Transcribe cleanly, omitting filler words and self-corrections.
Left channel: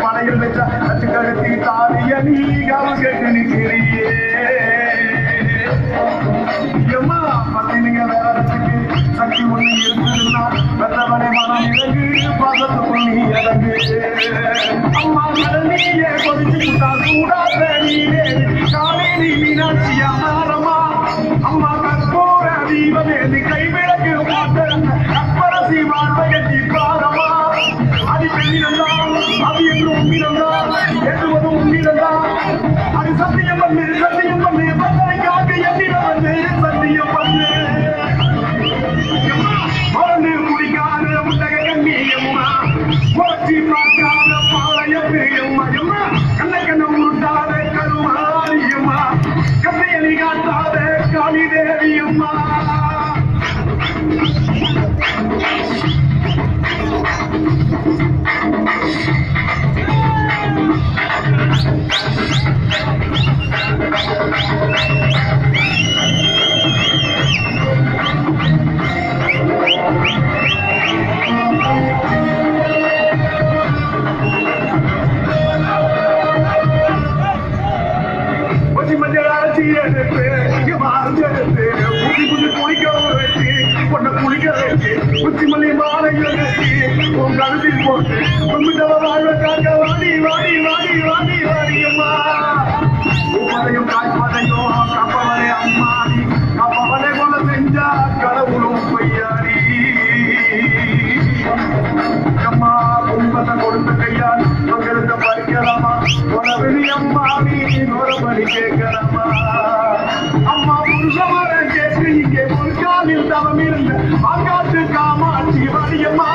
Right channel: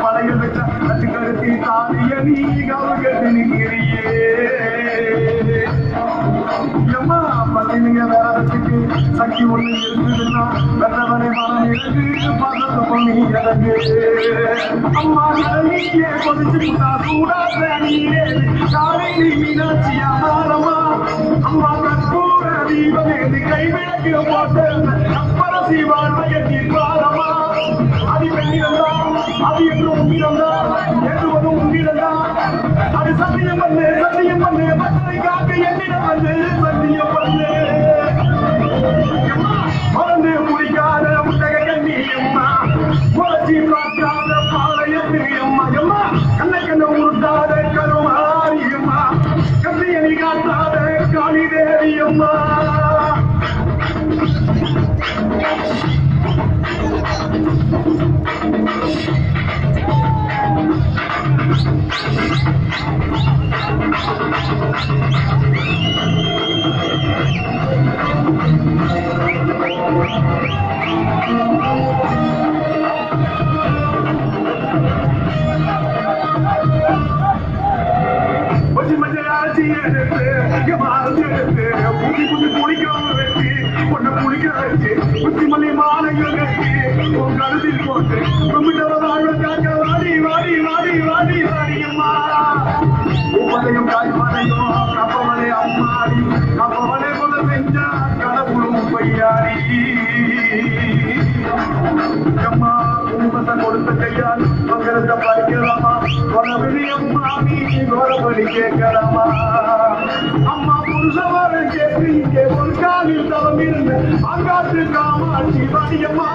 படையில் வச்ச கழுத்தி தாரிய நீகாவு கேட்டு நிற்கிறியே எம்மா பத்தினிங்க வேறத்துக்கு சக்தி ஒண்ணு இருக்குதுன்னா வெள்ளவனை மனம் இறங்கு பாசத்தை பண்ணி இறங்கு அம்மா நீயே கொஞ்சம் சூடாத நீரே காவேரி மீனாட்சியானமா அம்மா கற்பூர தீபமேதி கைவிளக்கு போட்டு கற்பரசி வாழ்வையத்தி பாரமா அது பெரியம்மா அது எங்கும் உண்மையிலா எதுவும் உண்மையிலா அது சத்தியம் பண்ணு மக்களை காக்க எண்ணிடம் வந்து சத்தியம் பண்ணு மறந்து முடிக்காத முட்டக கண்ணியம்மா முளைச்சி பார்க்காத பாளையத்து அம்மா அம்மா கண்ண உருட்டாத கருமாரியம்மா கண்ணையணி காட்டாத காளி தேவி அம்மா உச்சிமலை மாலை கருத்தில் போட்டு வாழ்வ காக்க வாடி வாடி வாடி வாடி வாடியம்மா உப்பதையும் காய்மதையோ கப்பவரை அம்மாடி அப்பவரை கொள்ள செஞ்சா கடவுளும் பையாடி அம்மா குடும்பத்தை கொடுத்த கையால் பங்கிருந்த படிக்கலாமா வெளியம்மா நீ கோரபடி கேட்கலாமா அம்மா புருஷவரை கேட்டு இங்கே ஒரு காலில் தவம் இருந்த அங்காத்து காமாட்சி வாடியம்மா